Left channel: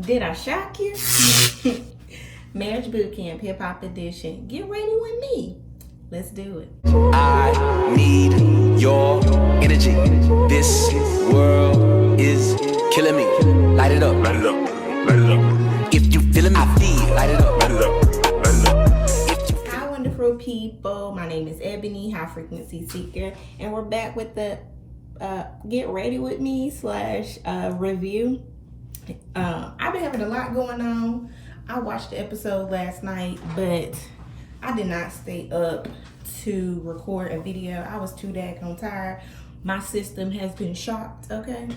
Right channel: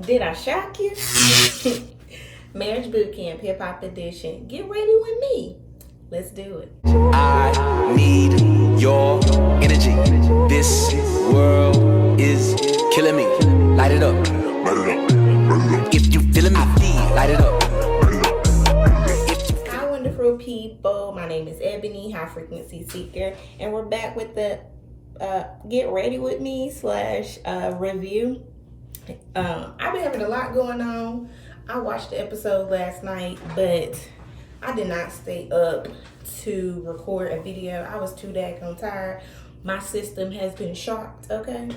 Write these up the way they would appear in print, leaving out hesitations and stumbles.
Did I shock you? Marriage Boot Camp, Hip Hop Edition. Get ready with me. Let's do it. I need your energy. This world is killing me. Light it up. If you feeling me, I feel. Light it up. Hi, wonderful people. My name is Ebony, High Frequency Seeker, and we're back with the Get Ready With Me / review. I've been having a lot going on. I watched the episode last night, but I did not stay up to record a video. I was too daggone tired. My system has been shocked, okay?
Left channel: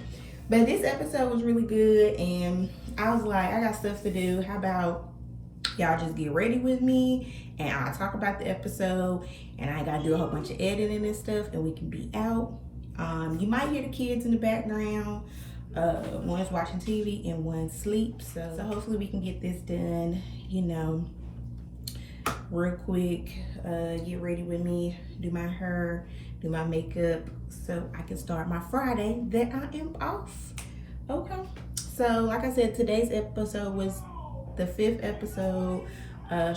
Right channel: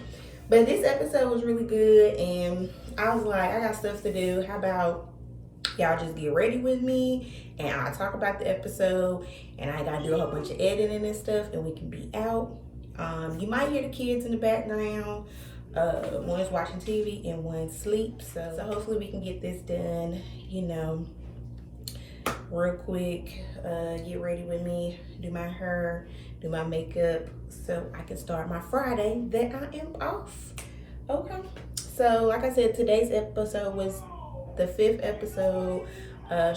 But this episode was really good, and I was like, I got stuff to do. How about y'all just get ready with me, and I'll talk about the episode, and I gotta do a whole bunch of editing and stuff, and we can be out. You might hear the kids in the background. One's watching TV and one's asleep. So hopefully we can get this done, real quick. Get ready with me, do my hair, do my makeup, so I can start my Friday that I am off. Okay. So like I said, today's episode was the 5th episode,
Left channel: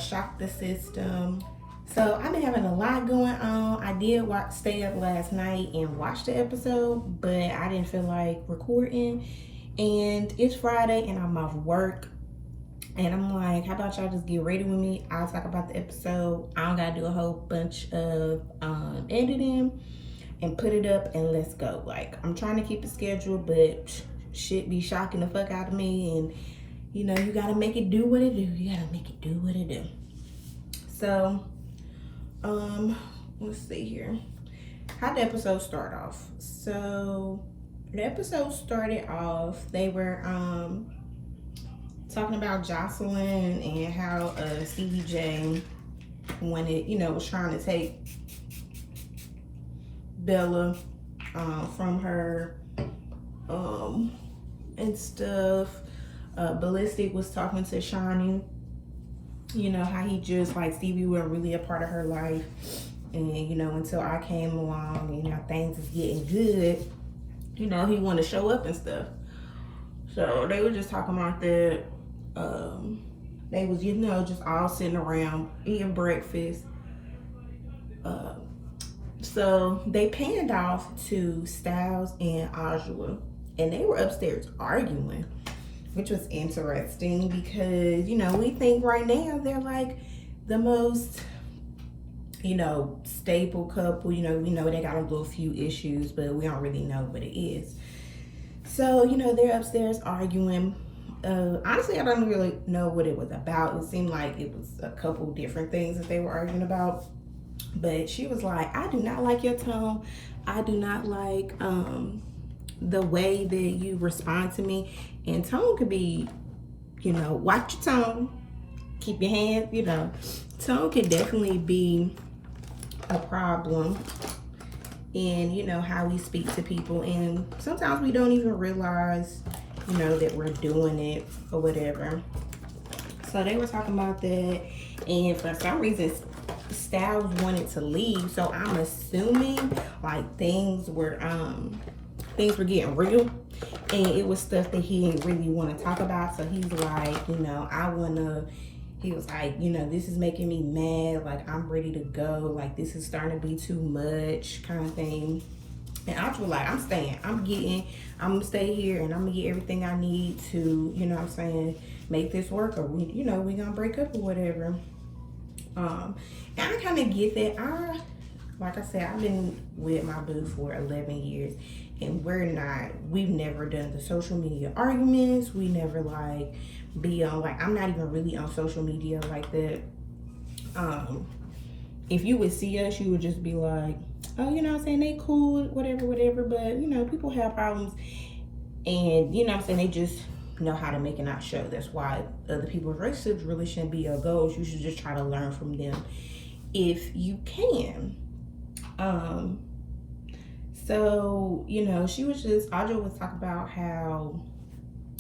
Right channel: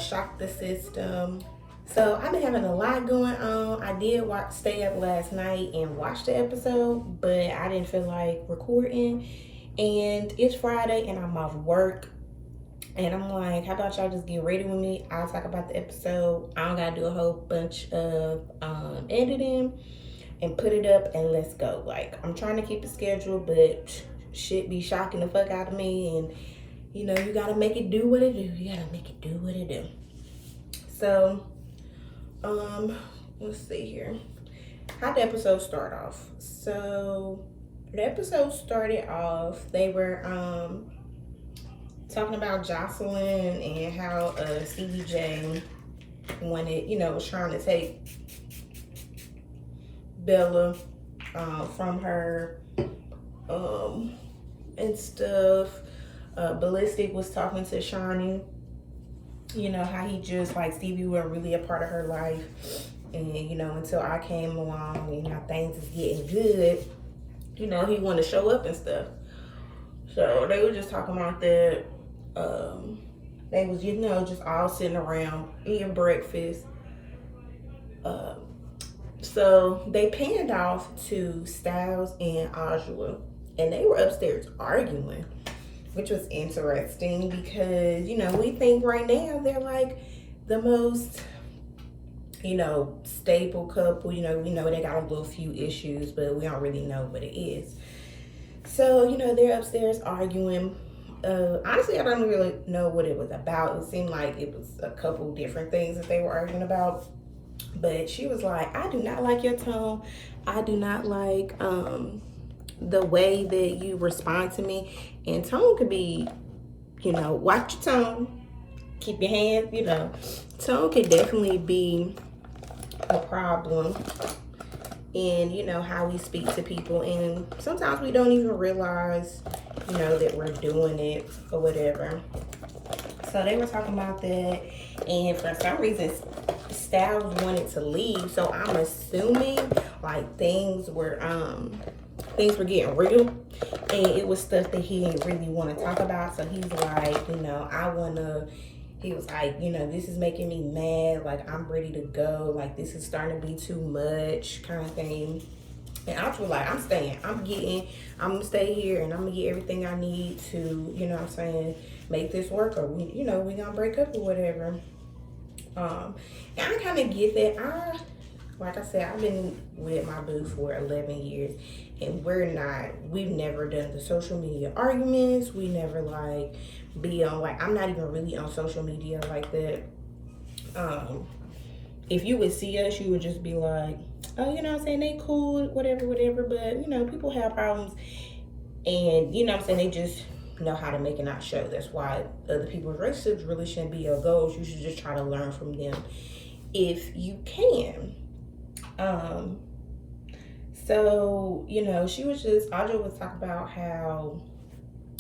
Shock the System. So I've been having a lot going on. I did stay up last night and watch the episode, but I didn't feel like recording. And it's Friday and I'm off work. And I'm like, how about y'all just get ready with me? I'll talk about the episode. I don't gotta do a whole bunch of editing and put it up and let's go. Like, I'm trying to keep the schedule, but shit be shocking the fuck out of me. And you gotta make it do what it do. You gotta make it do what it do. So, let's see here. How'd the episode start off? So the episode started off, they were talking about Jocelyn and how Stevie J wanted, was trying to take Bella from her and stuff. Ballistic was talking to Shawnee, how he just, like, Stevie wasn't really a part of her life. And, until I came along and things is getting good, he wanted to show up and stuff. So they were just talking about that. They was, just all sitting around eating breakfast. So they panned off to Styles and Ajua, and they were upstairs arguing, which was interesting because, we think right now they're like the most, stable couple. We know they got a little few issues, but we don't really know what it is. So, they're upstairs arguing. Honestly, I don't really know what it was about. It seemed like it was a couple different things that they were arguing about. But she was like, I do not like your tone. I do not like the way that you respond to me. And tone could be, watch your tone, keep your hands, tone could definitely be a problem in, how we speak to people. And sometimes we don't even realize, that we're doing it or whatever. So they were talking about that, and for some reason, Styles wanted to leave. So I'm assuming like things were getting real, and it was stuff that he didn't really want to talk about. So he's like, he was like, this is making me mad. Like, I'm ready to go. Like, this is starting to be too much, kind of thing. And I was like, I'm staying. I'm gonna stay here, and I'm gonna get everything I need to, make this work, or we gonna break up or whatever. And I kind of get that. Like I said, I've been with my boo for 11 years, and we've never done the social media arguments. We never be on, I'm not even really on social media like that. If you would see us, you would just be like, oh, they cool, whatever, but people have problems, and they just know how to make it not show. That's why other people's relationships really shouldn't be your goals. You should just try to learn from them if you can. So she was just, Audra was talking about how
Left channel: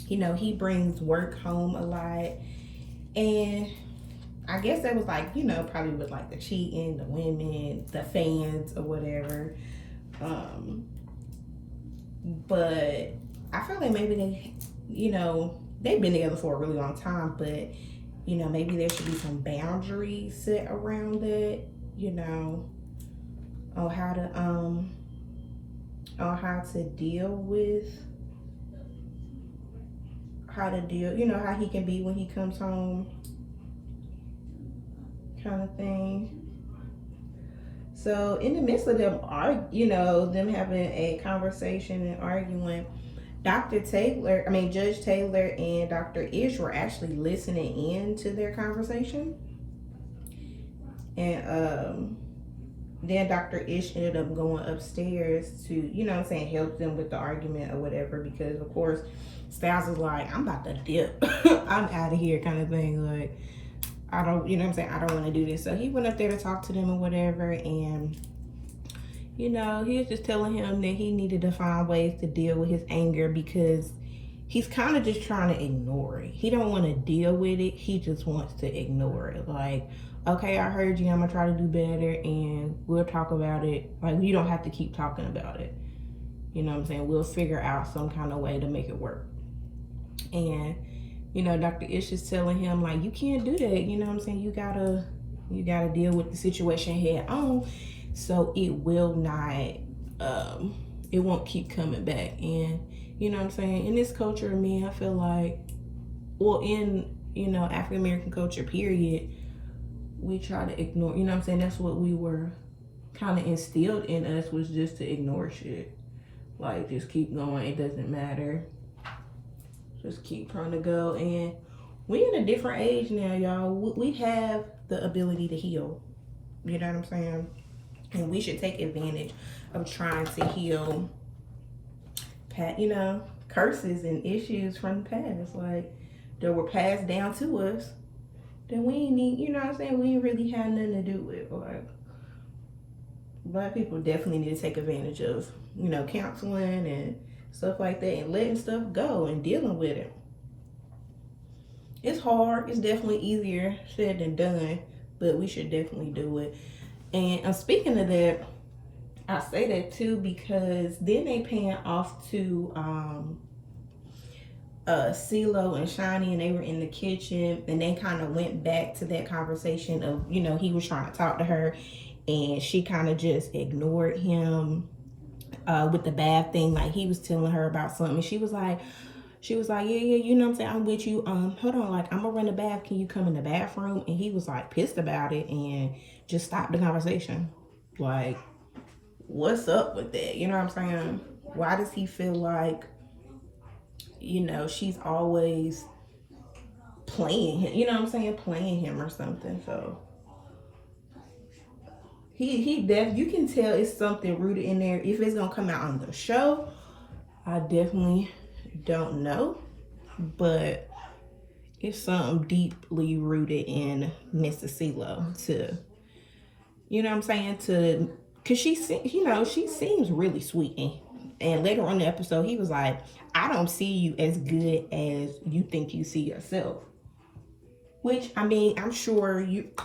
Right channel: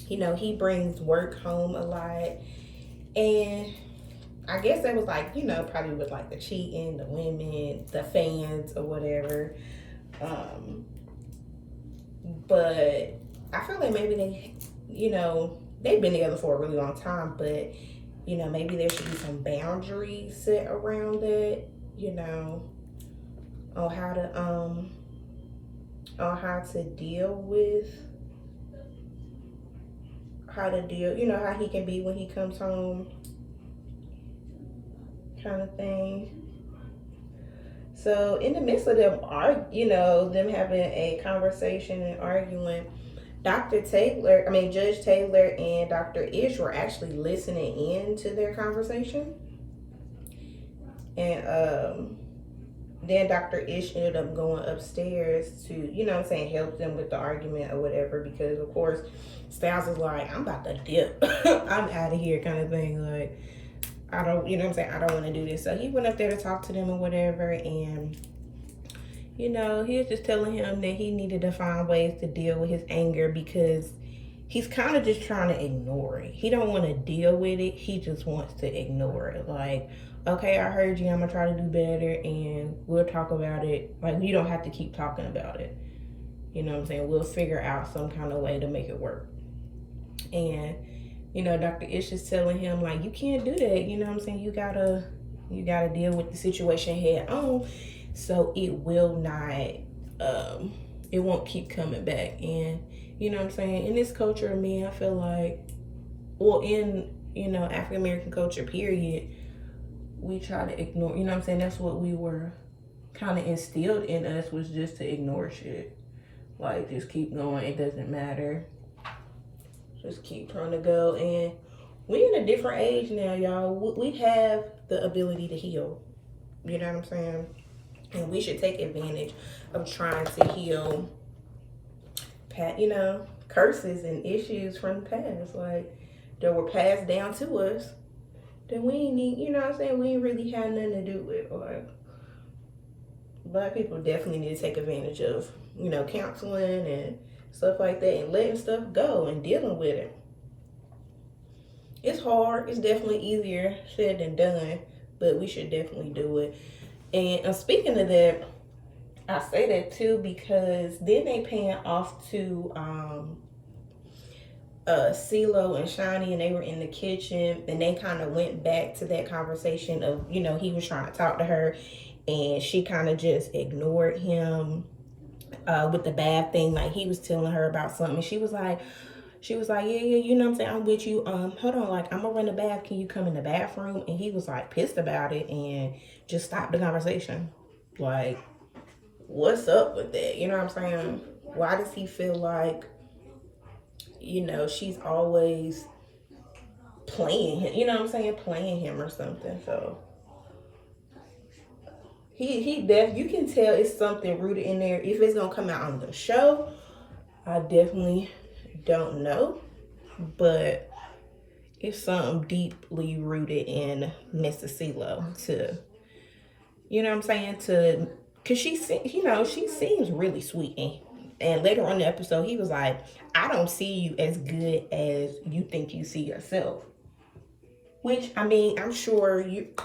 he brings work home a lot, and I guess that was probably with the cheating, the women, the fans or whatever. But I feel like maybe they, they've been together for a really long time, but you know, maybe there should be some boundaries set around that, you know, on how to deal with, you know, how he can be when he comes home, kind of thing. So in the midst of them them having a conversation and arguing, Judge Taylor and Dr. Ish were actually listening in to their conversation. And then Dr. Ish ended up going upstairs to, you know what I'm saying, help them with the argument or whatever, because of course Styles was like, I'm about to dip. I'm out of here, kind of thing. Like, I don't, you know what I'm saying, I don't want to do this. So he went up there to talk to them or whatever, and you know, he was just telling him that he needed to find ways to deal with his anger, because he's kind of just trying to ignore it. He don't want to deal with it. He just wants to ignore it. Like, okay, I heard you. I'm gonna try to do better, and we'll talk about it. Like, you don't have to keep talking about it. You know what I'm saying? We'll figure out some kind of way to make it work. And you know, Dr. Ish is telling him, like, you can't do that. You know what I'm saying? You gotta deal with the situation head on, so it will not, it won't keep coming back. And you know what I'm saying? In this culture of men, I feel like, well, in, you know, African American culture, period, we try to ignore, you know what I'm saying? That's what we were kind of instilled in us, was just to ignore shit. Like, just keep going. It doesn't matter. Just keep trying to go. And we're in a different age now, y'all. We have the ability to heal. You know what I'm saying? And we should take advantage of trying to heal, you know, curses and issues from the past, like, that were passed down to us, that we ain't need, you know what I'm saying, we ain't really had nothing to do with. Like, Black people definitely need to take advantage of, you know, counseling and stuff like that, and letting stuff go and dealing with it. It's hard. It's definitely easier said than done, but we should definitely do it. And speaking of that, I say that too because then they pan off to CeeLo and Shani, and they were in the kitchen, and they kind of went back to that conversation of, you know, he was trying to talk to her and she kind of just ignored him with the bad thing. Like, he was telling her about something. She was like, yeah, you know what I'm saying, I'm with you. Hold on, like, I'm gonna run the bath. Can you come in the bathroom? And he was like pissed about it and just stopped the conversation. Like, what's up with that? You know what I'm saying? Why does he feel like, you know, she's always playing him? You know what I'm saying? Playing him or something. So you can tell it's something rooted in there. If it's gonna come out on the show, I definitely don't know, but it's something deeply rooted in Mrs. CeeLo, to, you know what I'm saying, because she seems really sweet. And later on in the episode, he was like, I don't see you as good as you think you see yourself. Which, I mean, I'm sure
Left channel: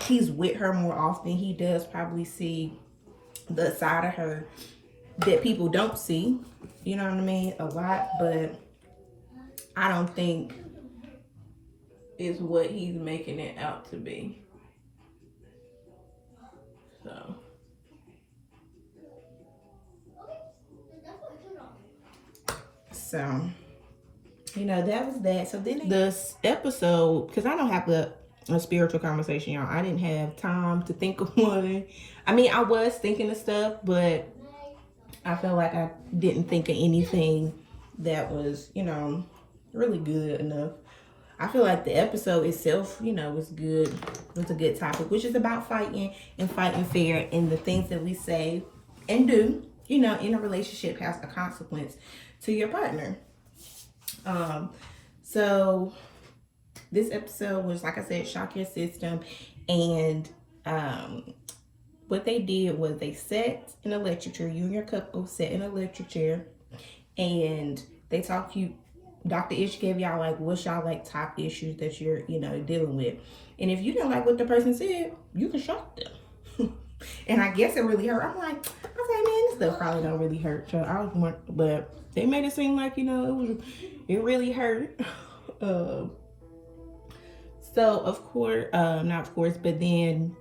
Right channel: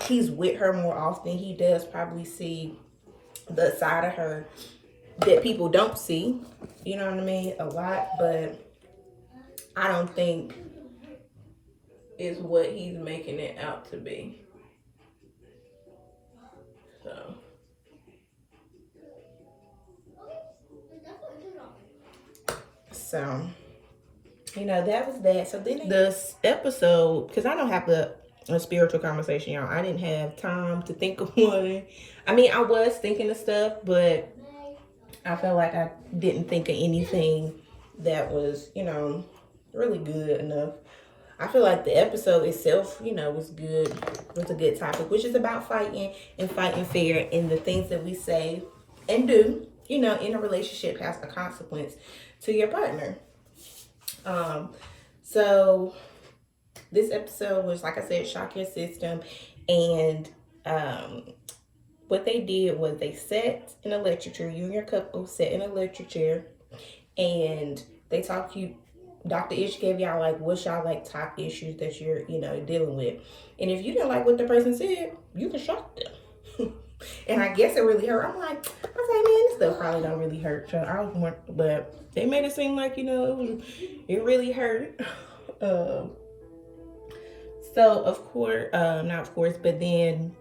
he's with her more often. He does probably see the side of her that people don't see, you know what I mean, a lot, but I don't think is what he's making it out to be. So, you know, that was that. So then this episode, because I don't have a spiritual conversation, y'all. I didn't have time to think of one. I mean, I was thinking of stuff, but I felt like I didn't think of anything that was, you know, really good enough. I feel like the episode itself, you know, was good. It was a good topic, which is about fighting and fighting fair, and the things that we say and do, you know, in a relationship has a consequence to your partner. So this episode was, like I said, shock your system. And what they did was they sat in an electric chair. You and your couple sat in an electric chair, and they talked to you. Dr. Ish gave y'all, like, what's y'all, like, top issues that you're, you know, dealing with. And if you didn't like what the person said, you can shock them. And I guess it really hurt. I'm like, man, this stuff probably don't really hurt. But they made it seem like, you know, it really hurt. So of course, not of course, but then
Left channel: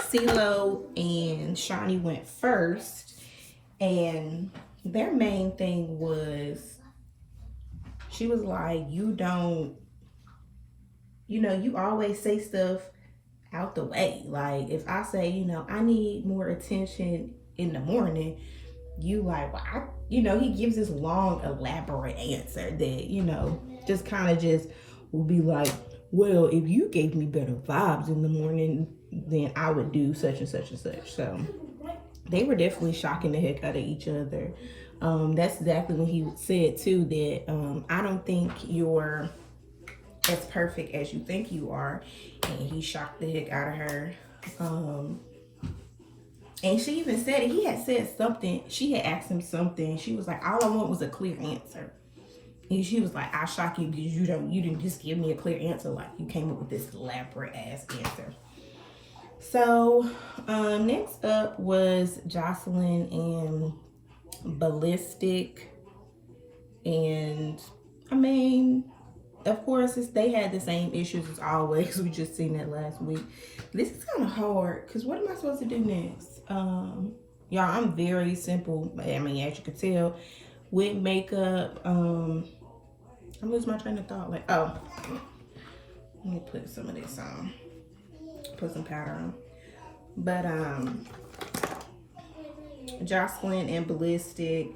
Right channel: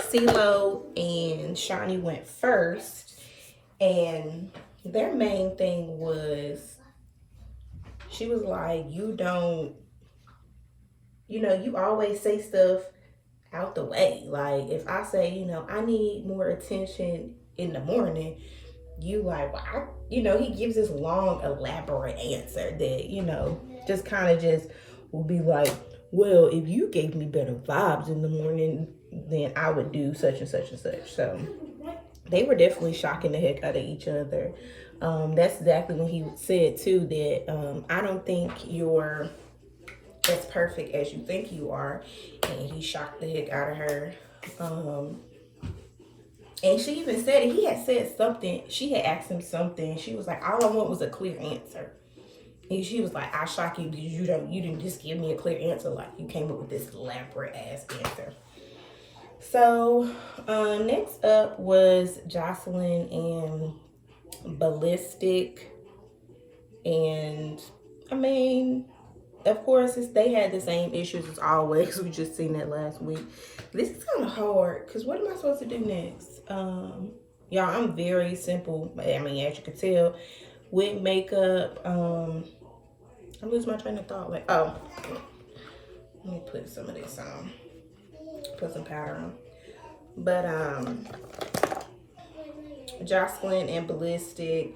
CeeLo and Shawnee went first, and their main thing was, she was like, you always say stuff out the way. Like, if I say, I need more attention in the morning, you like, well, he gives this long, elaborate answer that, just kind of just will be like, well, if you gave me better vibes in the morning, then I would do such and such and such. So they were definitely shocking the heck out of each other. That's exactly when he said too that I don't think you're as perfect as you think you are, and he shocked the heck out of her. And she even said, he had said something, she had asked him something, she was like, all I want was a clear answer. And she was like, I shock you because you didn't just give me a clear answer, like you came up with this elaborate ass answer. So next up was Jocelyn and Ballistic. And I mean, of course, they had the same issues as always. We just seen that last week. This is kind of hard because what am I supposed to do next? Y'all, I'm very simple. I mean, as you can tell, with makeup. I'm losing my train of thought. Like, oh, let me put some of this on. Put some powder on. But Jocelyn and Ballistic,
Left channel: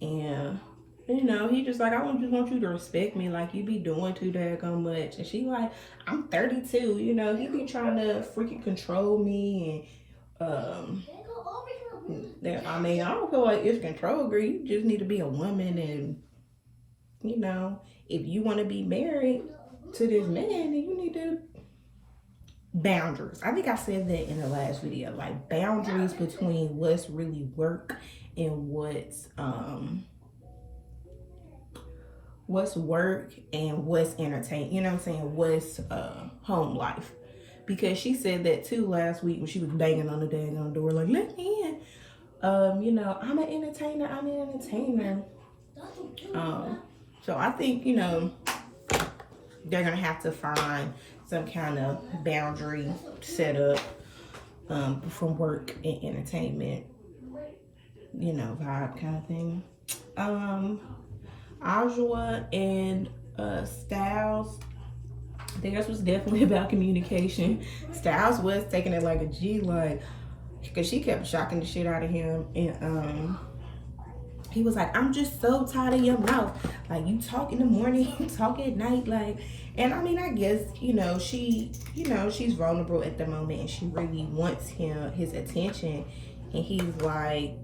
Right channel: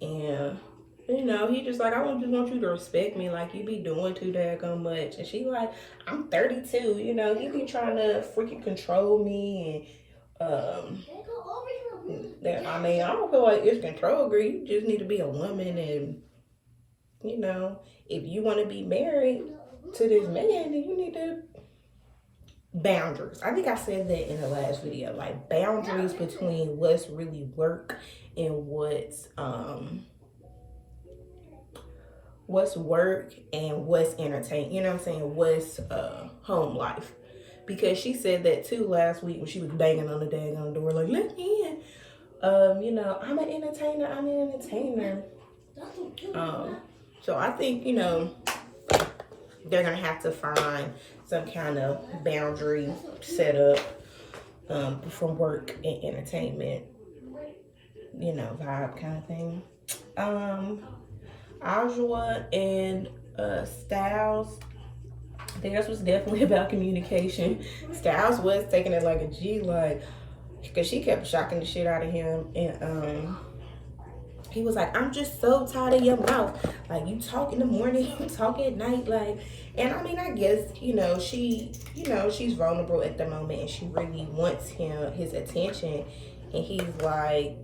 and he just like, I just want you to respect me, like you be doing too daggone much. And she like, I'm 32, he be trying to freaking control me, and I mean, I don't feel like it's control, girl. You just need to be a woman, and if you want to be married to this man, then you need to boundaries. I think I said that in the last video, like boundaries between what's really work and what's work and what's entertainment, what's home life. Because she said that too last week when she was banging on the daggone door, like, let me in. I'm an entertainer. So I think, they're gonna have to find some kind of boundary set up from work and entertainment, vibe kind of thing. Ajwa and Styles, theirs was definitely about communication. Styles was taking it like a G, like, because she kept shocking the shit out of him, and he was like, I'm just so tired of your mouth. Like, you talk in the morning, you talk at night, like. And I mean, I guess, she's vulnerable at the moment, and she really wants his attention, and he's like,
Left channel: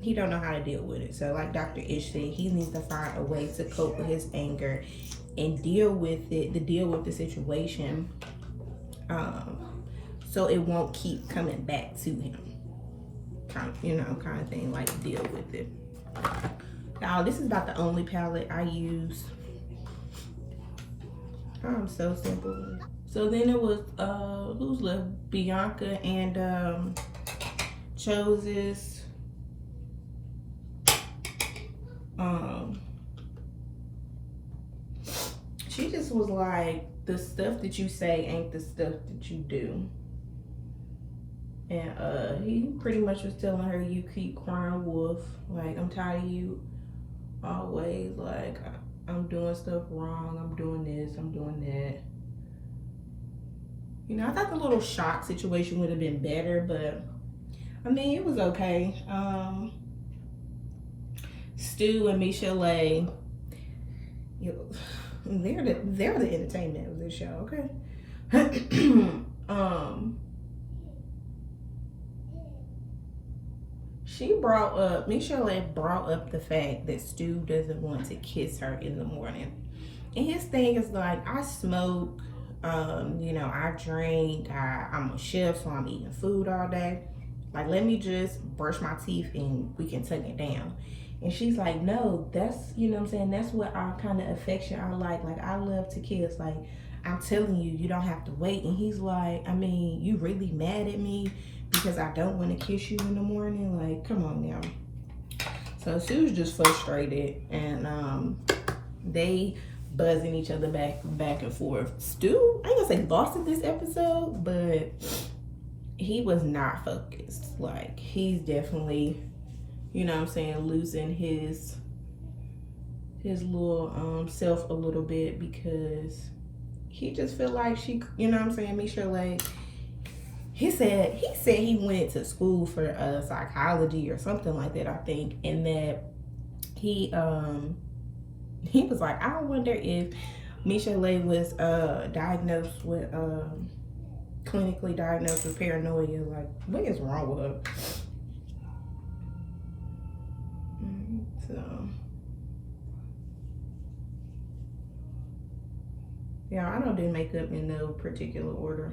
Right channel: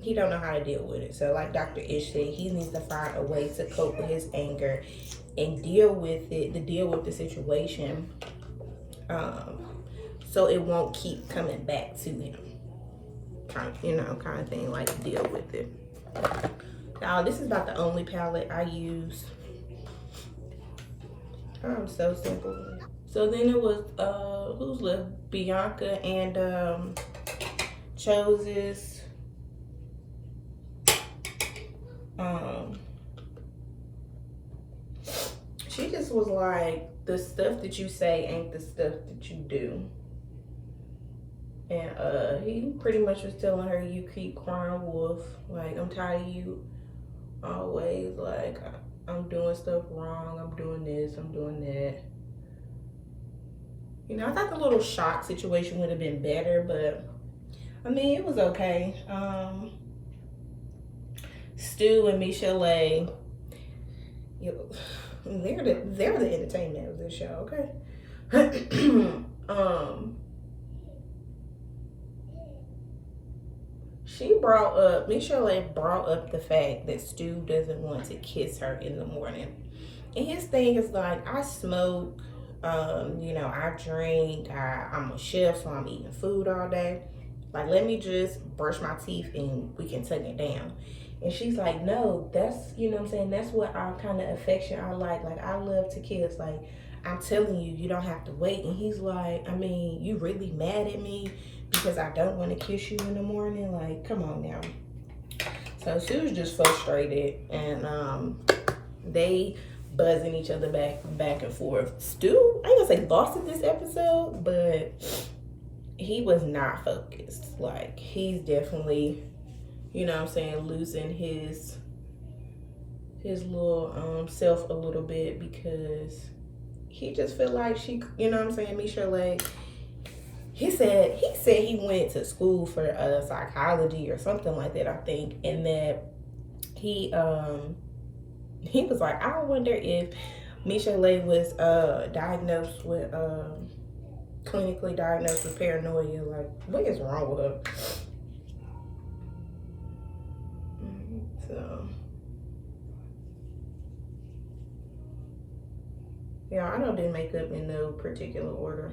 he don't know how to deal with it. So like Dr. Ish said, he needs to find a way to cope with his anger and deal with the situation, so it won't keep coming back to him, kind of thing, like deal with it. Now, this is about the only palette I use. I'm so simple. So then it was, who's left? Bianca and Chose's. She just was like, the stuff that you say ain't the stuff that you do. And he pretty much was telling her, you keep crying wolf. Like, I'm tired of you always, like, I'm doing stuff wrong, I'm doing this, I'm doing that. I thought the little shot situation would have been better, but I mean, it was okay. Stu and Michelle, they're the entertainment of this show, okay? Michelle brought up the fact that Stu doesn't want to kiss her in the morning. And his thing is like, I smoke, I drink, I'm a chef, so I'm eating food all day. Like, let me just brush my teeth and we can tuck it down. And she's like, no, that's, that's what our kind of affection I like. Like, I love to kiss. Like, I'm telling you, you don't have to wait. And he's like, I mean, you really mad at me because I don't want to kiss you in the morning? Like, come on now. So she was just frustrated, and they buzzing each other back and forth. Stu, I ain't gonna say lost in this episode, but he was not focused. Like, he's definitely, you know what I'm saying, losing his little self a little bit, because he just feel like she, you know what I'm saying, Misha, like, he said he went to school for psychology or something like that, I think, and that he was like, I wonder if Michelle was diagnosed with clinically diagnosed with paranoia. Like, what is wrong with her? So yeah, I don't do makeup in no particular order,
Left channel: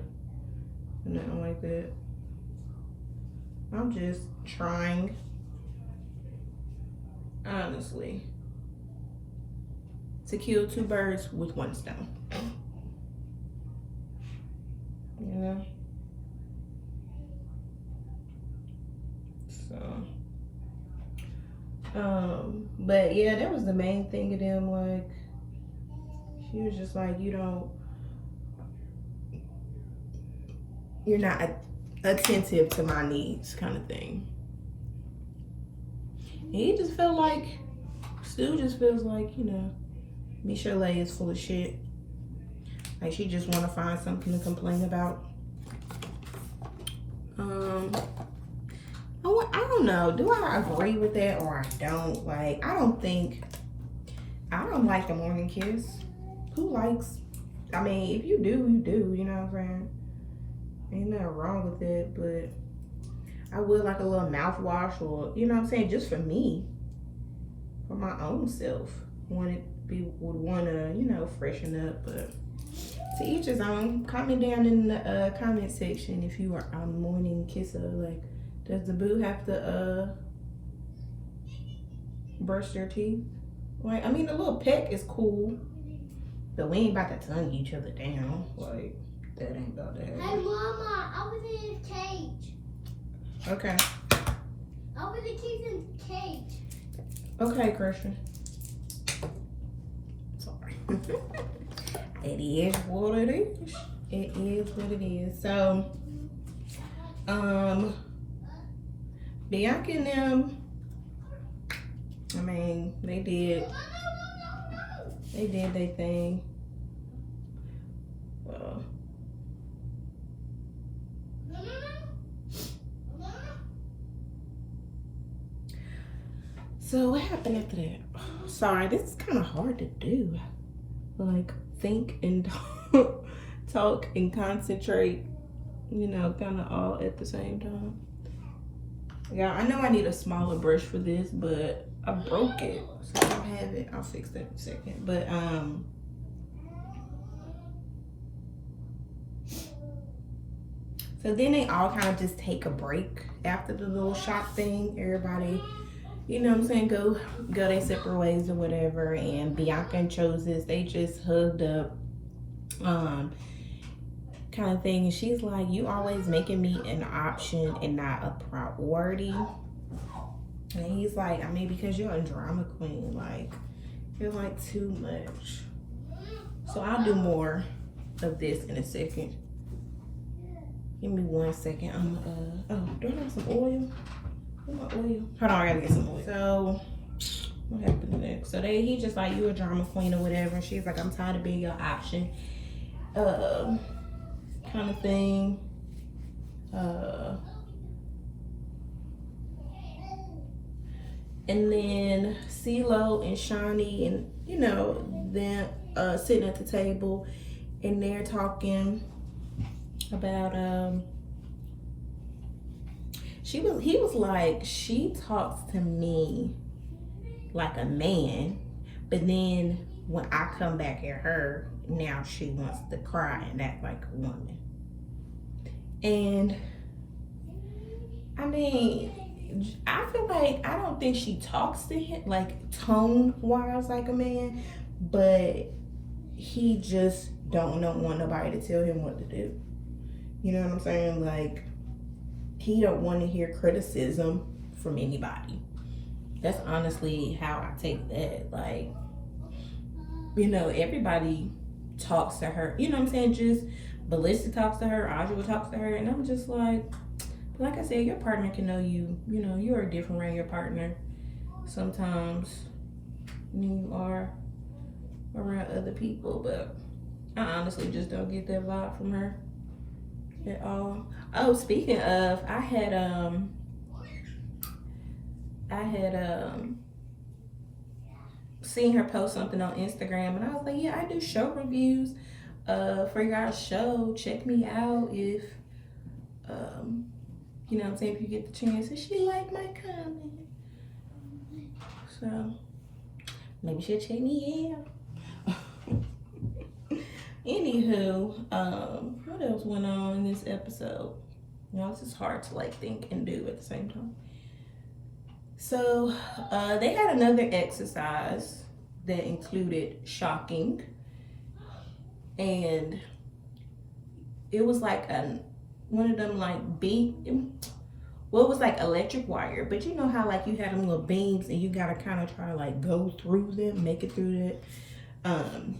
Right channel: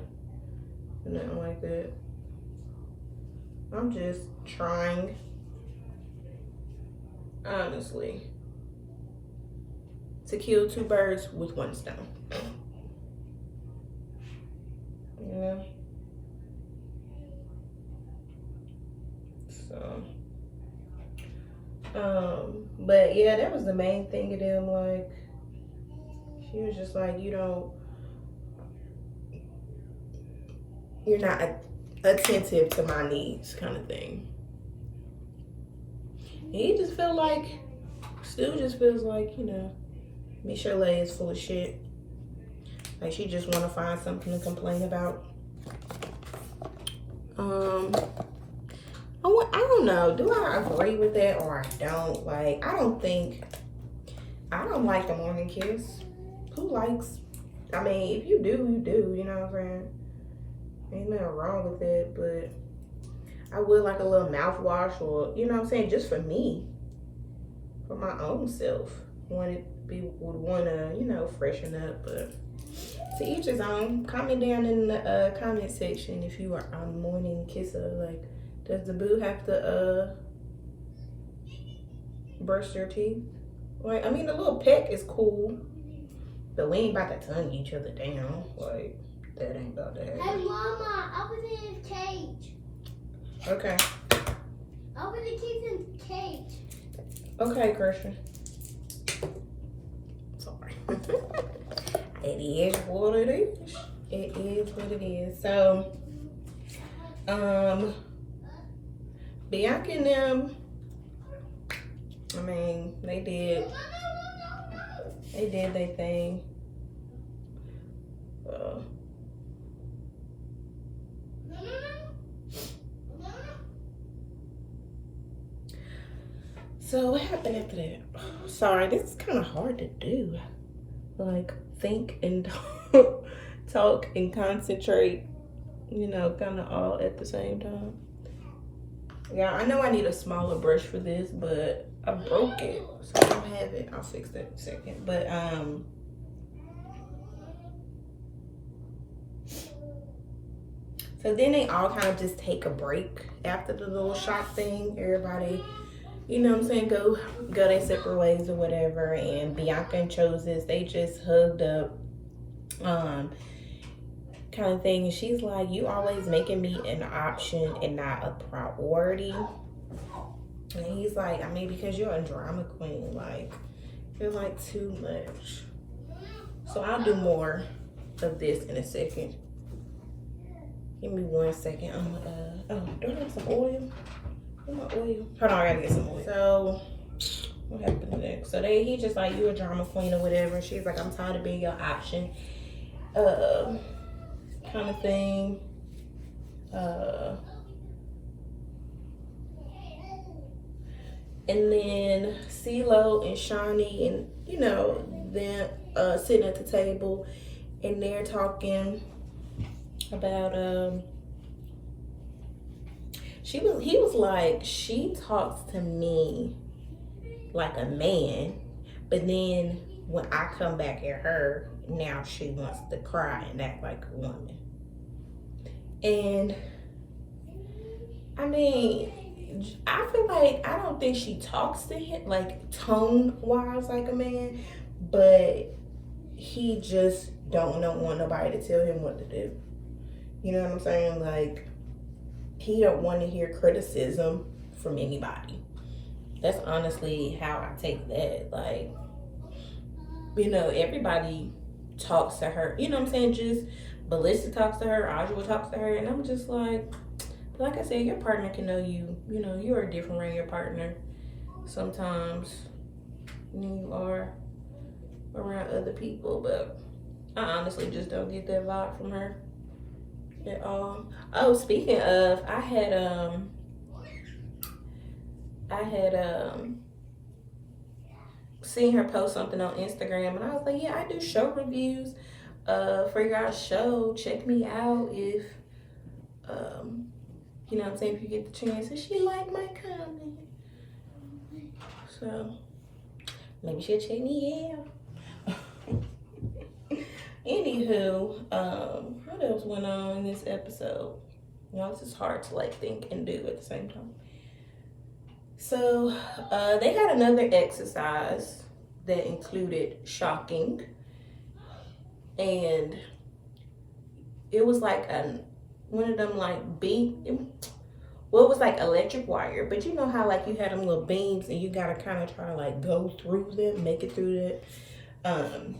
nothing like that. I'm just trying, honestly, to kill two birds with one stone. You know? So, but yeah, that was the main thing of them. Like, she was just like, you're not attentive to my needs, kind of thing. And he just felt like, Stu just feels like, you know, Michelle is full of shit. Like, she just want to find something to complain about. I don't know. Do I agree with that or I don't? Like, I don't like the morning kiss. Who likes? I mean, if you do, you do. You know what I'm saying? Ain't nothing wrong with it, but I would like a little mouthwash, or, you know what I'm saying, just for me, for my own self. Would want to, you know, freshen up, but to each his own. Comment down in the comment section if you are a morning kisser. Like, does the boo have to brush their teeth? Like, I mean, the little peck is cool, but we ain't about to tongue each other down. Like, that ain't about that. Hey, Mama, I was in his cage. Okay. I was in his cage. Okay, Christian. Sorry. It is what it is. It is what it is. So, Bianca and them, I mean, they did their thing. So what happened after that? Sorry, this is kind of hard to do. Like, think and talk and concentrate, you know, kind of all at the same time. Yeah, I know I need a smaller brush for this, but I broke it, so I don't have it. I'll fix that in a second. But so then they all kind of just take a break after the little shot thing. Everybody, you know what I'm saying, go their separate ways or whatever. And Bianca and Chose, they just hugged up, kind of thing. And she's like, you always making me an option and not a priority. And he's like, I mean, because you're a drama queen, like, you're like too much. So I'll do more of this in a second. Give me 1 second. Do I have some oil? Where's my oil? Hold on, I gotta get some oil. So, what happened next? So he just like, you a drama queen or whatever. She's like, I'm tired of being your option. Kind of thing. And then CeeLo and Shawnee and, you know, then sitting at the table and they're talking about he was like, she talks to me like a man, but then when I come back at her, now she wants to cry and act like a woman. And I mean, I feel like, I don't think she talks to him like tone wise like a man, but he just don't want nobody to tell him what to do. You know what I'm saying? Like, he don't want to hear criticism from anybody. That's honestly how I take that. Like, you know, everybody talks to her. You know what I'm saying? Just Ballista talks to her, Ajua talks to her, and I'm just like I said, your partner can know you. You know, you are different around your partner sometimes than you are around other people, but I honestly just don't get that vibe from her at all. Oh, speaking of, I had seen her post something on Instagram, and I was like, yeah, I do show reviews for your show. Check me out if you know what I'm saying, if you get the chance. And she liked my comment, so maybe she'll check me out. Anywho, what else went on in this episode? You know, this is hard to like think and do at the same time. So they had another exercise that included shocking, and it was like one of them like well, it was like electric wire, but you know how like you had them little beams and you gotta kind of try to like go through them, make it through that.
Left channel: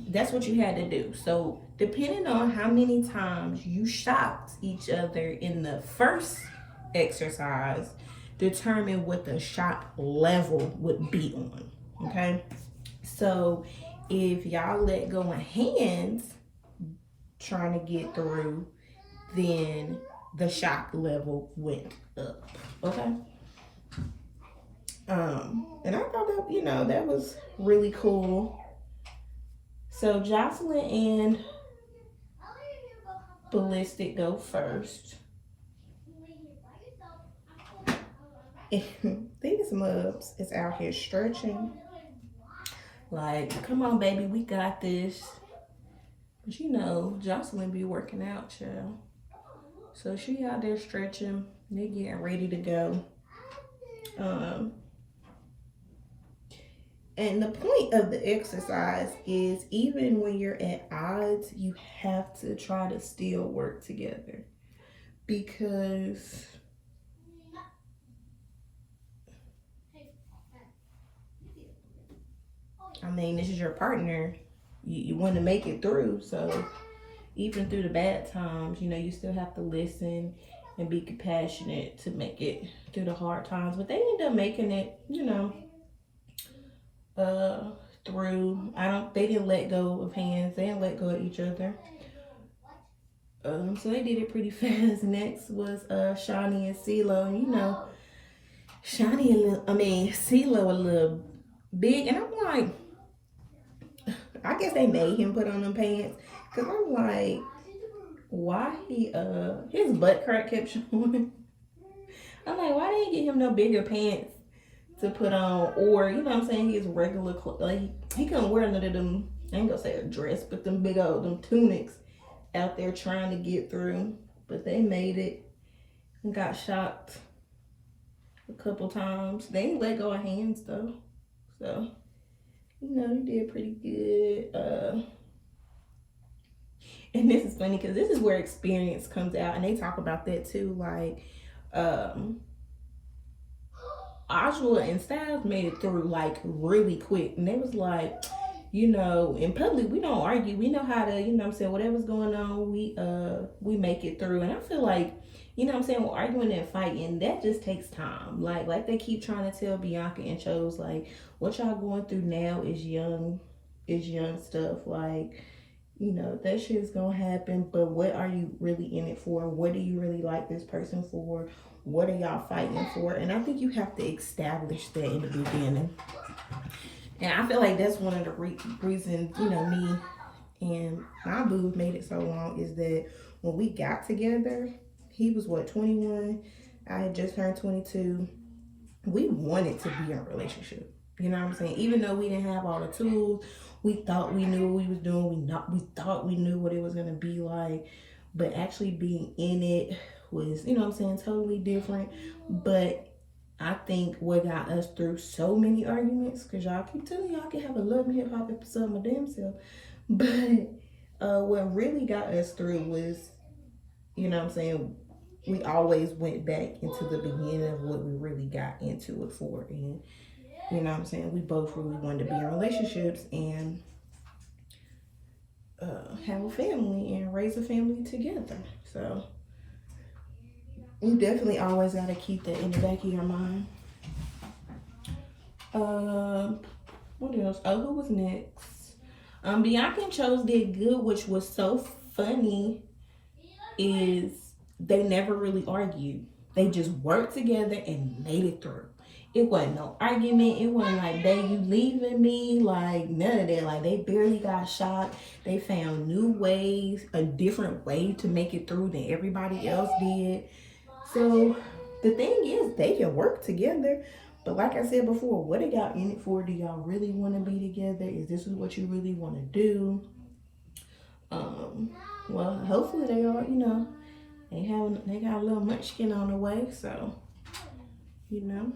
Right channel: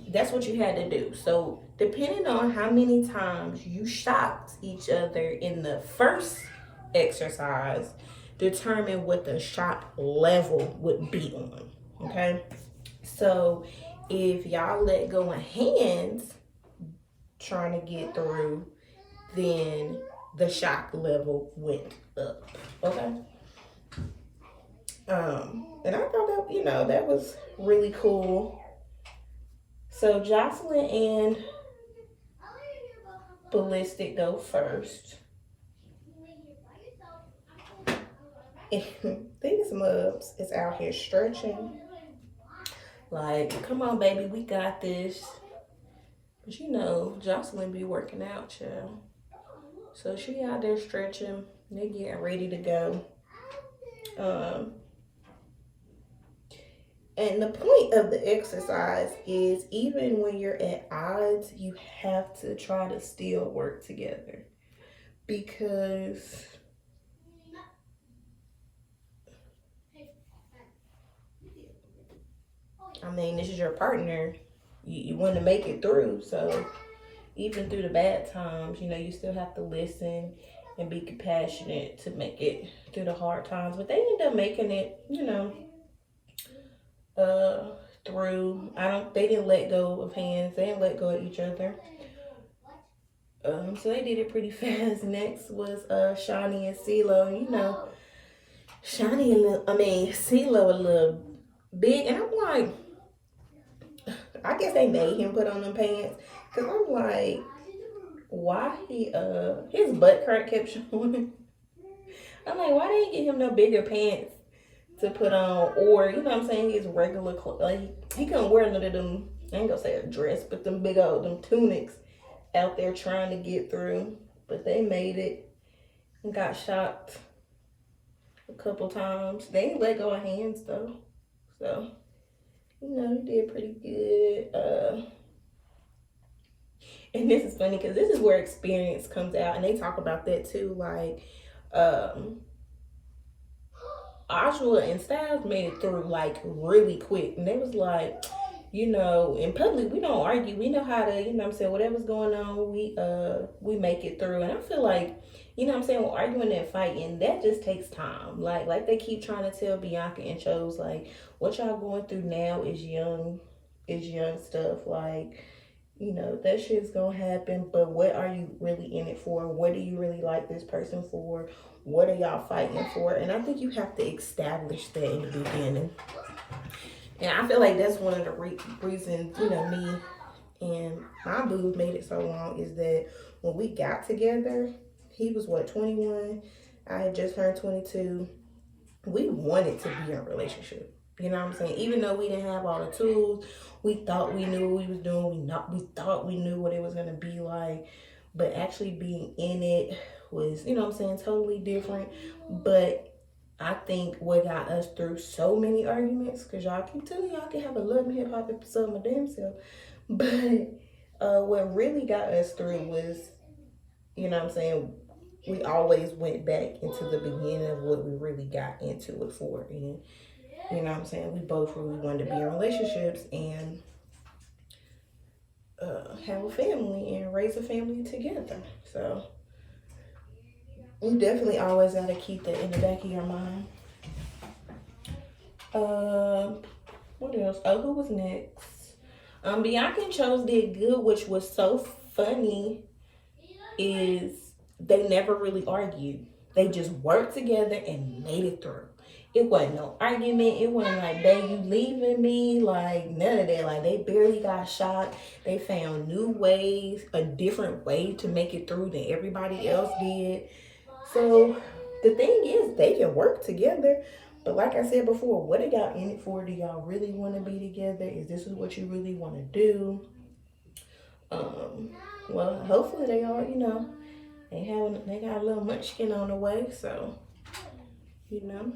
That's what you had to do. So depending on how many times you shocked each other in the first exercise, determine what the shock level would be on. Okay, so if y'all let go of hands trying to get through, then the shock level went up. Okay. And I thought that, you know, that was really cool. So Jocelyn and Ballistic go first. These mubs is out here stretching. Like, come on, baby, we got this. But you know, Jocelyn be working out, child. So she out there stretching. They're getting ready to go. And the point of the exercise is, even when you're at odds, you have to try to still work together. Because I mean, this is your partner. You want to make it through. So even through the bad times, you know, you still have to listen and be compassionate to make it through the hard times. But they end up making it, you know, through. They didn't let go of hands. They didn't let go of each other. So they did it pretty fast. Next was Shani and CeeLo. You know, CeeLo a little big, and I'm like, I guess they made him put on them pants, cause I'm like, why his butt crack kept showing. I'm like, why didn't you get him no bigger pants to put on, or you know what I'm saying, his regular clothes? Like, he couldn't wear none of them. I ain't gonna say a dress, but them big old tunics out there trying to get through. But they made it and got shocked a couple times. They didn't let go of hands though, so you know, he did pretty good. And this is funny because this is where experience comes out, and they talk about that too. Like, Ajua and Styles made it through like really quick, and they was like, you know, in public we don't argue. We know how to, you know what I'm saying, whatever's going on, we make it through. And I feel like, you know what I'm saying, with arguing and fighting, that just takes time. Like they keep trying to tell Bianca and shows, like, what y'all going through now is young stuff. Like, you know, that shit's gonna happen, but what are you really in it for? What do you really like this person for? What are y'all fighting for? And I think you have to establish that in the beginning. And I feel like that's one of the reasons, you know, me and my boo made it so long, is that when we got together, he was what, 21? I had just turned 22. We wanted to be in a relationship. You know what I'm saying? Even though we didn't have all the tools, we thought we knew what we was doing. We thought we knew what it was gonna be like. But actually being in it was, you know what I'm saying, totally different. But I think what got us through so many arguments, because y'all keep telling me y'all can have a Love and Hip Hop episode my damn self. But what really got us through was, you know what I'm saying, we always went back into the beginning of what we really got into it for. And you know what I'm saying, we both really wanted to be in relationships, and have a family and raise a family together. So you definitely always gotta keep that in the back of your mind. What else? Oh, who was next? Bianca and Chose did good, which was so funny. Is they never really argued. They just worked together and made it through. It wasn't no argument. It wasn't like, babe, you leaving me. Like, none of that. Like, they barely got shot. They found new ways, a different way to make it through than everybody else did. So, the thing is, they can work together. But like I said before, what are y'all in it for? Do y'all really want to be together? Is this what you really want to do? Well, hopefully they are, you know, they got a little munchkin on the way, so, you know.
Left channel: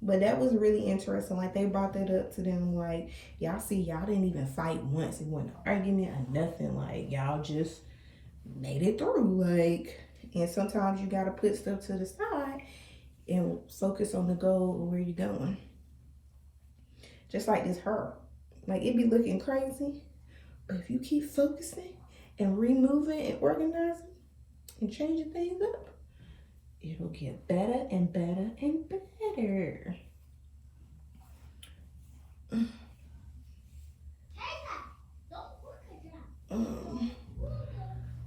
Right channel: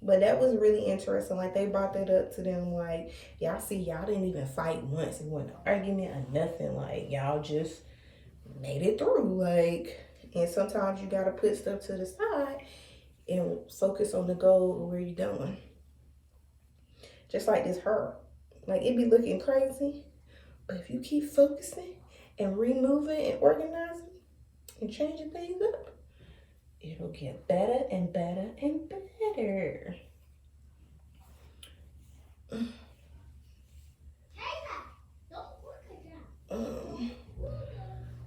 But that was really interesting. Like, they brought that up to them, like, y'all see, y'all didn't even fight once. It wasn't an argument or nothing. Like, y'all just made it through. Like, and sometimes you gotta put stuff to the side and focus on the goal of where you're going. Just like this hurt. Like, it be looking crazy, but if you keep focusing and removing and organizing and changing things up, it'll get better and better and better.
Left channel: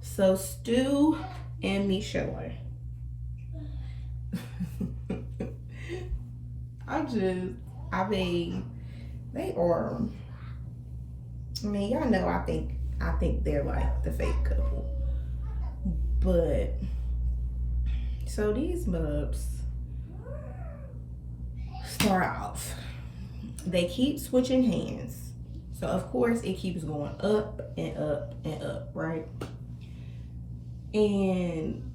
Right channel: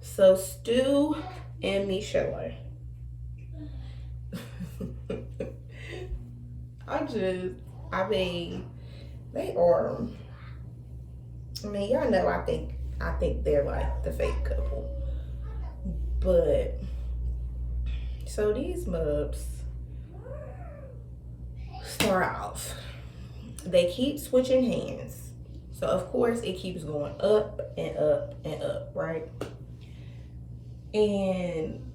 So Stu and Michelle. They are. I mean, y'all know I think they're like the fake couple. But so these mubs start off. They keep switching hands. So of course it keeps going up and up and up, right? And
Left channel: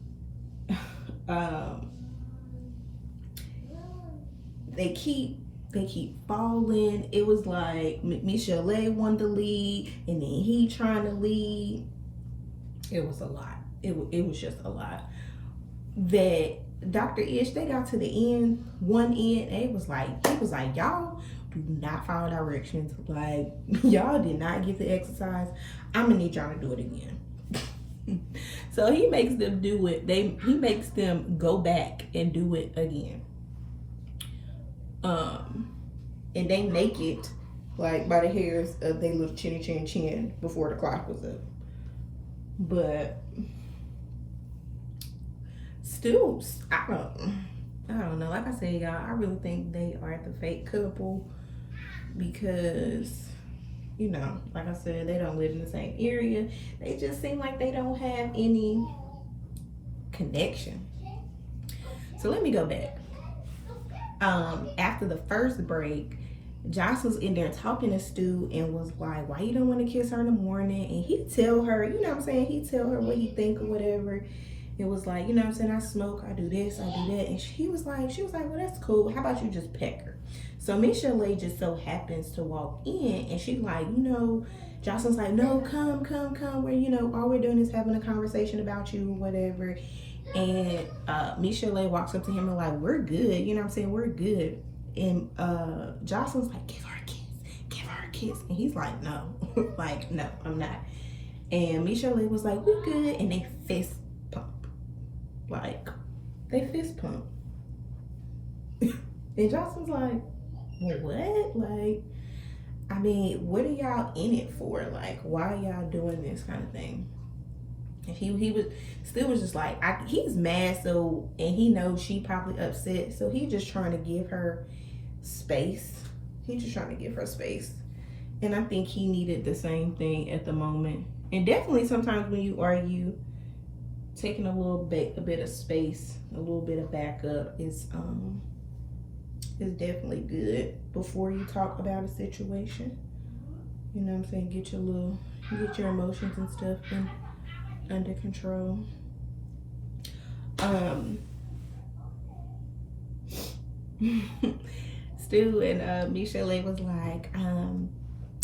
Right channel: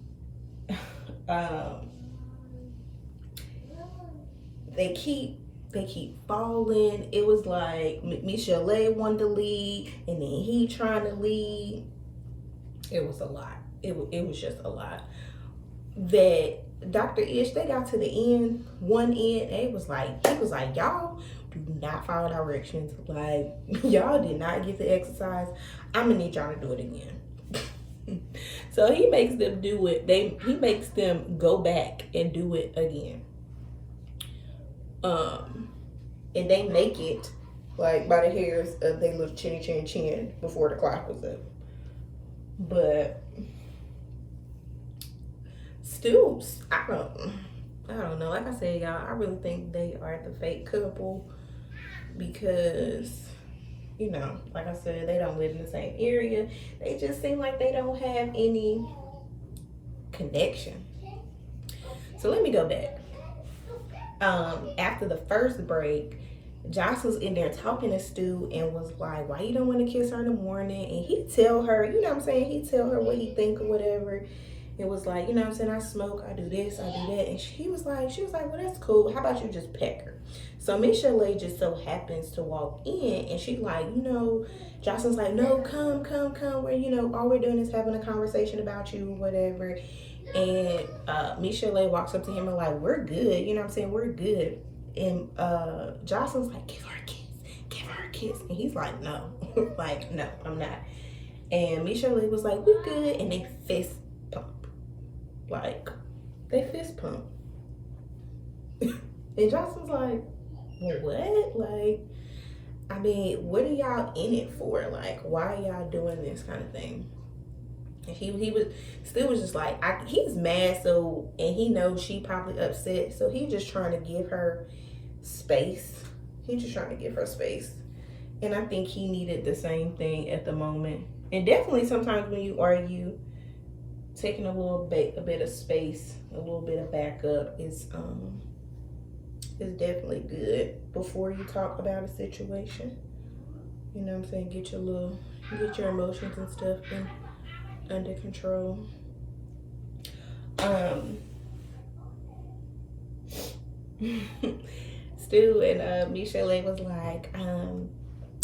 they keep falling. It was like Michelle wanted to lead, and then he trying to lead. It was a lot. It was just a lot. That Dr. Ish, they got to the end, one end, and he was like, y'all do not follow directions. Like, y'all did not get the exercise. I'm gonna need y'all to do it again. So he makes them do it. He makes them go back and do it again. And they make it like by the hairs of their little chin before the clock was up. But still, I don't know. Like I said, y'all, I really think they are the fake couple because, you know, like I said, they don't live in the same area. They just seem like they don't have any connection. So let me go back. After the first break, Josh was in there talking to Stu and was like, why you don't want to kiss her in the morning? And he tell her, you know what I'm saying? He tell her what he think or whatever. It was like, you know what I'm saying? I smoke, I do this, I do that. And she was like, well, that's cool. How about you just peck her? So Michelle just so happens to walk in and she's like, you know, Jocelyn's like, no, come. We're, you know, all we're doing is having a conversation about you, whatever. And Michelle walks up to him and like, we're good. You know what I'm saying? We're good. And Jocelyn's like, give her a kiss. And he's like, no, like, no, I'm not. And Michelle was like, we're good. And they fist pump. Like, they fist pump. And Jocelyn's like, what? Like, I mean, what are y'all in it for? Like, why are y'all doing this kind of thing? And he was still was just like, he's mad, so, and he knows she probably upset, so he's just trying to give her space. And I think he needed the same thing at the moment. And definitely sometimes when you argue, taking a bit of space, a little bit of backup is definitely good before you talk about a situation. You know what I'm saying? Get your emotions and stuff under control. Stu and Michelle was like,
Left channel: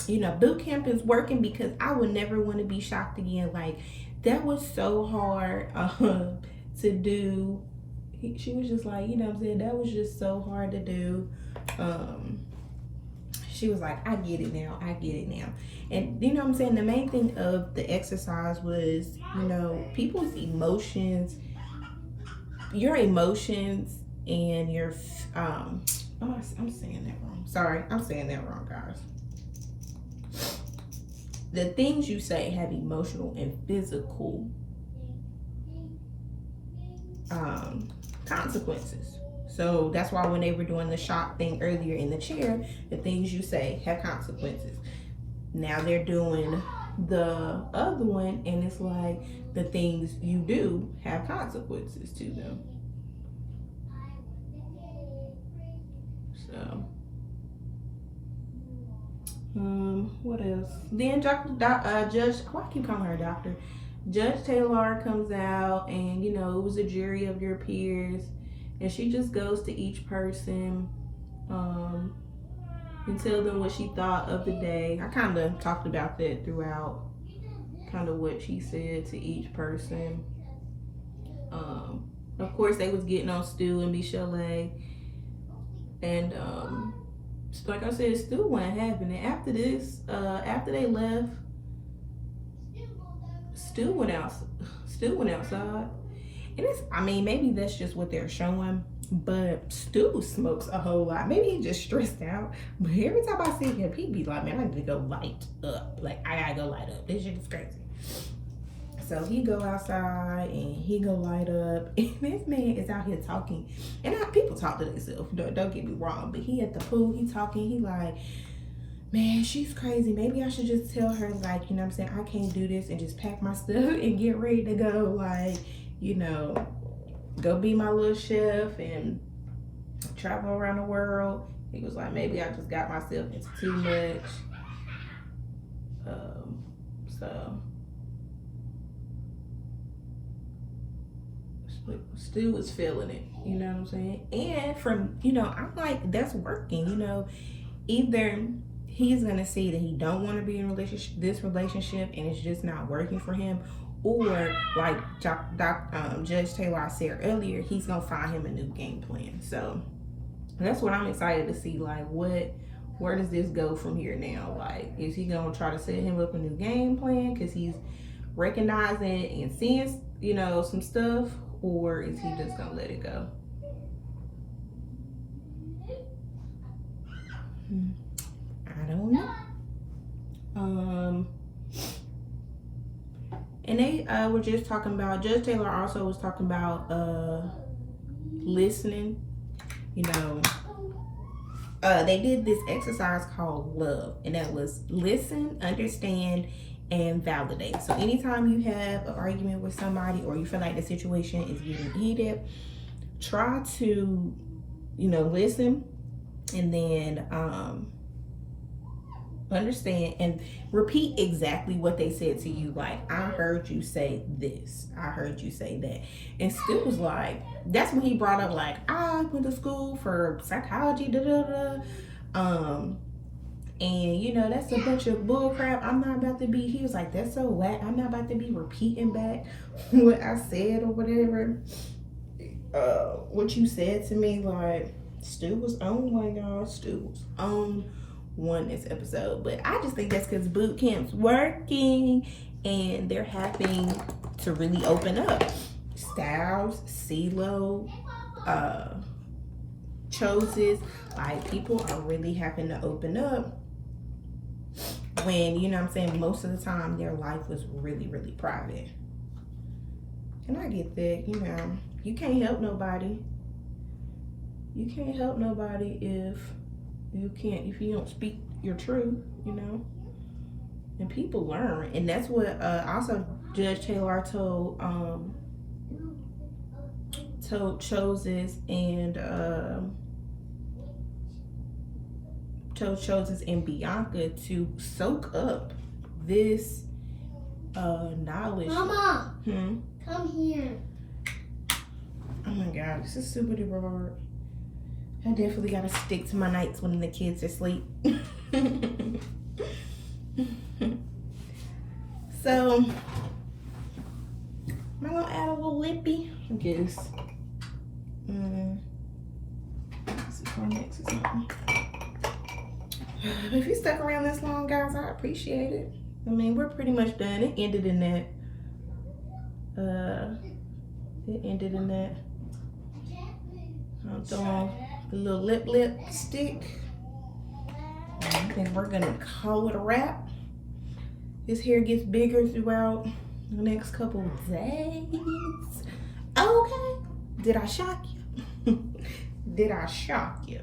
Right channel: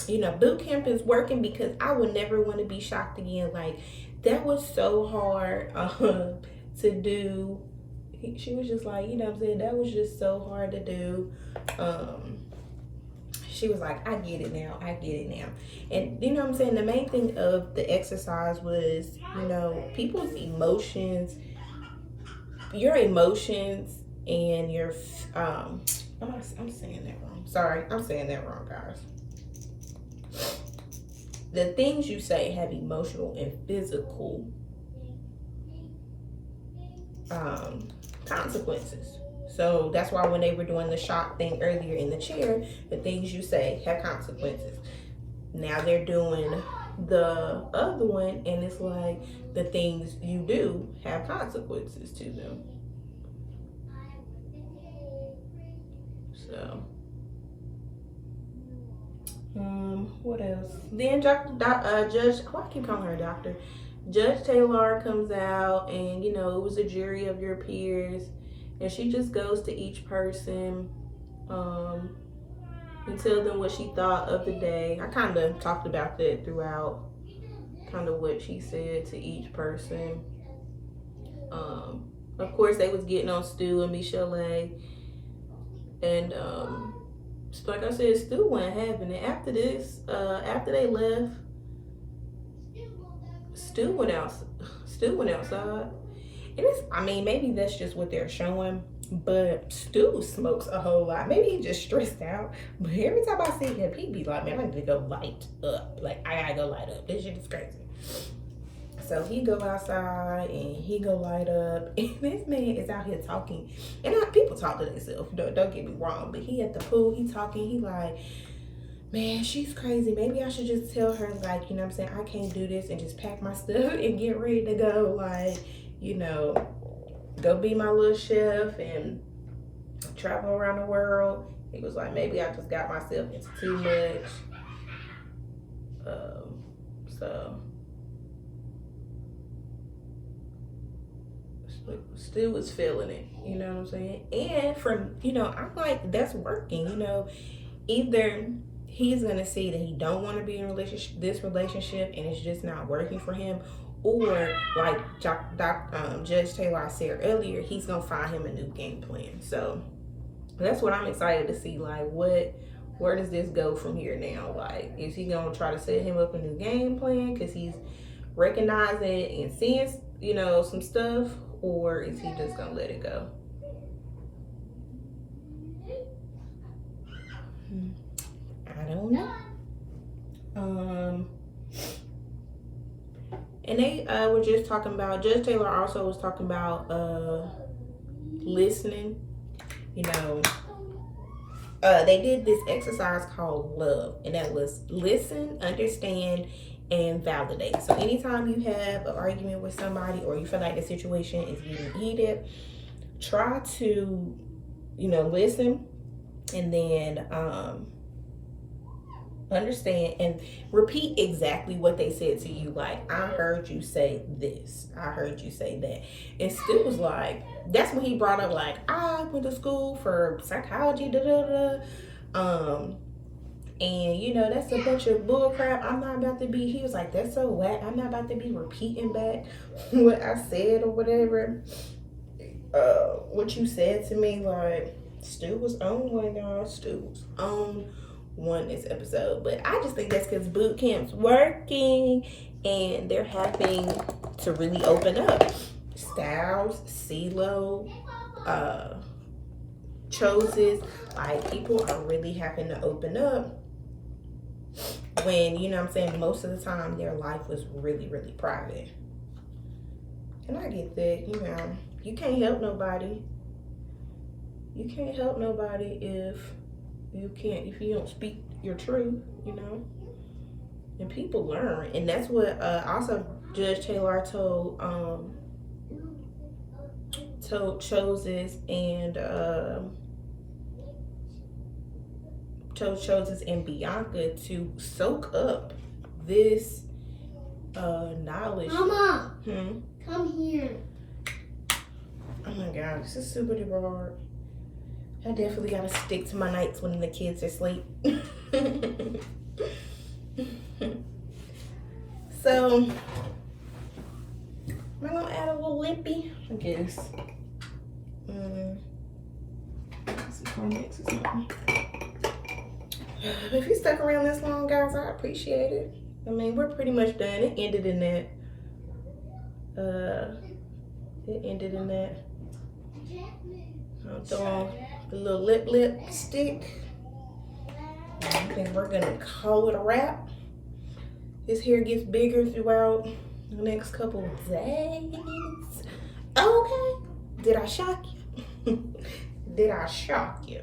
you know, boot camp is working because I would never want to be shocked again. Like, that was so hard to do. She was just like, you know what I'm saying, that was just so hard to do. she was like, I get it now. And you know what I'm saying? The main thing of the exercise was, you know, people's emotions, your emotions and your, I'm saying that wrong. Sorry, I'm saying that wrong, guys. The things you say have emotional and physical consequences. So that's why when they were doing the shock thing earlier in the chair, the things you say have consequences. Now they're doing the other one, and it's like the things you do have consequences to them. So, what else? Then Judge, why I keep calling her doctor? Judge Taylor comes out, and you know, it was a jury of your peers, and she just goes to each person and tell them what she thought of the day. I kind of talked about that throughout, kind of what she said to each person. Of course, they was getting on Stu and Michelle, and like I said, Stu wasn't having it. After this, after they left, Stu went outside. And it's, I mean, maybe that's just what they're showing, but Stu smokes a whole lot. Maybe he's just stressed out. But every time I see him, he be like, man, I need to go light up. Like, I gotta go light up. This shit is crazy. So he go outside and he go light up. And this man is out here talking. And people talk to themselves. Don't get me wrong. But he at the pool, he talking. He like, man, she's crazy. Maybe I should just tell her, like, you know what I'm saying, I can't do this, and just pack my stuff and get ready to go. Like, you know, go be my little chef and travel around the world. He was like, maybe I just got myself just too much. So Stu was feeling it, you know what I'm saying? And from, you know, I'm like, that's working, you know. Either he's gonna see that he don't want to be in this relationship and it's just not working for him, or like Judge Taylor said earlier, he's gonna find him a new game plan. So that's what I'm excited to see. Like, where does this go from here now? Like, is he gonna try to set him up a new game plan because he's recognizing and seeing, you know, some stuff, or is he just gonna let it go? I don't know. And they were just talking about, Judge Taylor also was talking about listening. You know, they did this exercise called love, and that was listen, understand, and validate. So anytime you have an argument with somebody, or you feel like the situation is getting heated, try to, you know, listen, and then understand and repeat exactly what they said to you. Like, I heard you say this, I heard you say that. And Stu was like, that's when he brought up, like, I went to school for psychology, and you know, that's a bunch of bull crap. I'm not about to be, he was like, that's so whack. I'm not about to be repeating back what I said or whatever, what you said to me. Like, Stu was on one, y'all. Stu was on one this episode. But I just think that's because boot camp's working and they're having to really open up. Styles, CeeLo, Choses, like, people are really having to open up when, you know what I'm saying, most of the time their life was really, really private. And I get that, you know, you can't help nobody. You can't help nobody if you don't speak your truth, you know. And people learn, and that's what also Judge Taylor told Choses and told Choses and Bianca to soak up this knowledge. Mama, come here. Oh my God, this is super duper hard. I definitely gotta stick to my nights when the kids are asleep. So, am I gonna add a little lippy? I guess. Let's see, Kleenex or something. if you stuck around this long, guys, I appreciate it. I mean, we're pretty much done. It ended in that. I'm throwing a little lipstick. I think we're gonna call it a wrap. This hair gets bigger throughout the next couple of days. Okay. Did I shock you? Did I shock you?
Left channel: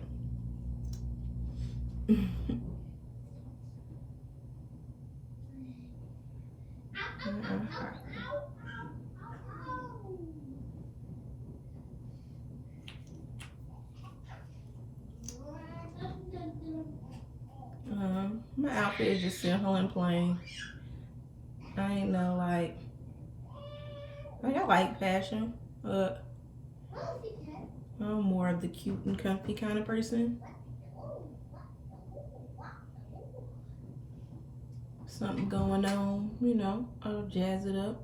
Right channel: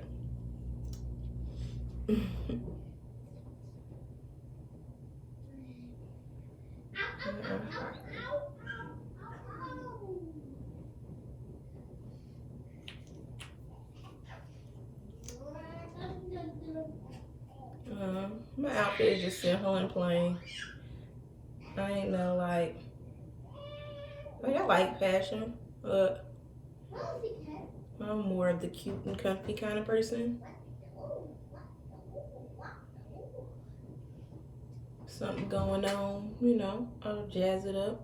My outfit is just simple and plain. I ain't no like I like fashion, but I'm more of the cute and comfy kind of person. Something going on, you know, I'll jazz it up.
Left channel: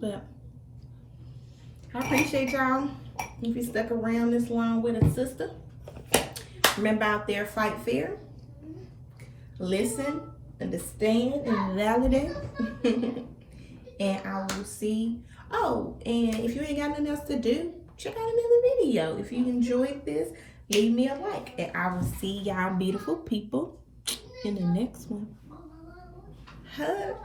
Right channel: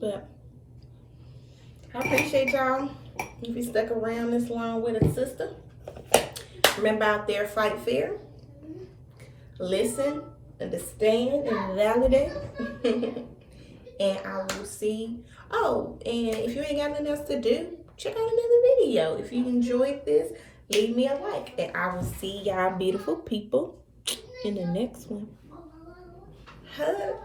But I appreciate y'all. If you stuck around this long with a sister, remember out there, fight fair, listen, understand, and validate. And I will see. Oh, and if you ain't got nothing else to do, check out another video. If you enjoyed this, leave me a like, and I will see y'all beautiful people in the next one. Hugs.